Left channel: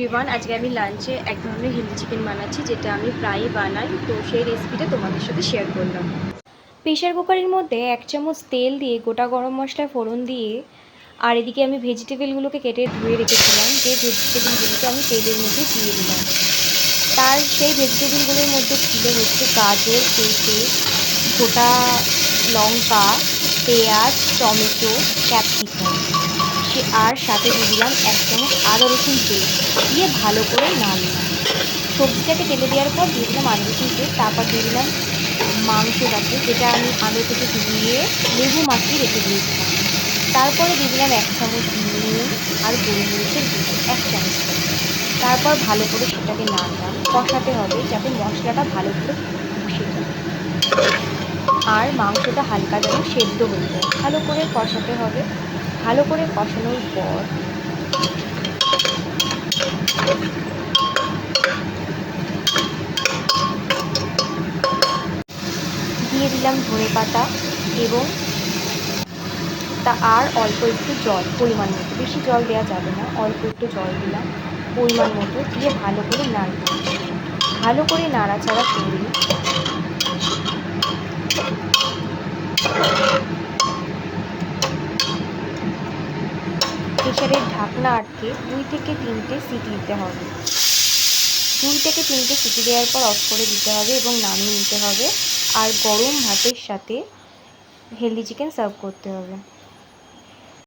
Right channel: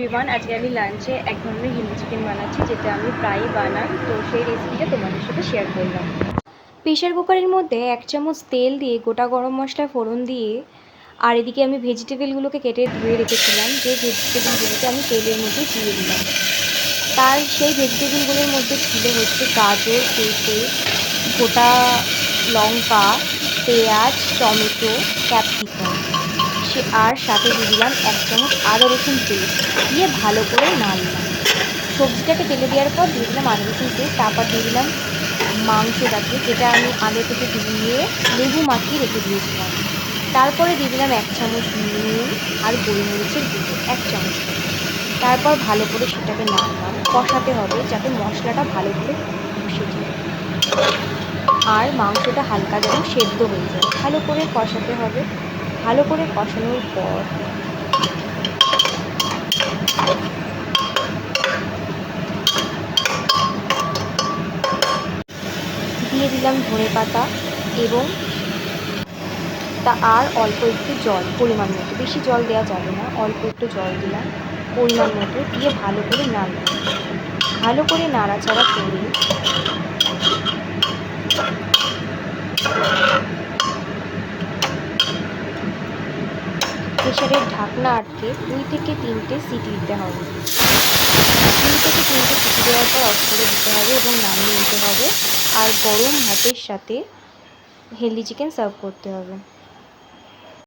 Everyone, আজকে আমি লাঞ্চে এক ধরনের হিন্দি চিকেন বানাচ্ছি, যেটা আমি প্রায়ই বানাই। তো সেই রেসিপিটা তোমাদের সাথে শেয়ার করলাম। প্রেশার কুকারের মধ্যে 1 চামচ তেল দিয়ে গোটা গরম মশলা ফোড়ন দিয়ে, আর এদিকে আমি ভেজিটেবলগুলোকে কেটে ধুয়ে রেখেছিলাম, যে ভেজিটেবলগুলোকে আমি তেলের মধ্যে দিয়ে দিলাম। সেই ভেজিটেবলগুলোর মধ্যে ছিল হচ্ছে গাজর, পেঁপে, গোটা লঙ্কা, পেঁয়াজ, টমেটো, ক্যাপসিকাম। আর সাথে দিয়ে দিলাম 1 চামচ আদা রসুন পেস্ট, দিয়ে ভালো করে নাড়লাম। সবজিটাকে তেলে দেওয়ার পর দিয়ে দিলাম আদা রসুন পেস্ট, তারপর দিয়ে দিলাম মাংসটাকে, যেটা আমি আগে থেকে ধুয়ে লেবু মাখিয়ে রেখে দিয়েছিলাম। তারপরে দিয়ে দিলাম 1 চামচ নুন আর গোলমরিচের গুঁড়ো 1 চামচ করে। তারপর ভালো করে সেটাকে নাড়লাম। কষাতে হবে যাতে মশলাটা ভালো করে কষে যায় আর মাংসটা হালকা যেন সেদ্ধ হয়ে যায়। ভালো করে কষাতে হবে। ভালো করে কষানোর পর দিয়ে দিলাম ধনেপাতা এবং আর অল্প একটু জল, পরিমাণ মতো। বেশি জল দেওয়া যাবে না, অল্প একটু জল দিলাম পরিমাণ মতো, দিয়ে ভালো করে নাড়লাম। ভালো করে নাড়াচাড়া করে প্রেসারের ঢাকনা আটকে 2 থেকে 3টে সিটি দিতে হবে। 2 থেকে 3টে সিটি দেওয়ার পর অফ করে দিতে হবে এবং নামিয়ে নিতে হবে। আর গরম ভাতের সাথে হেলদি চিকেন সার্ভ করতে হবে।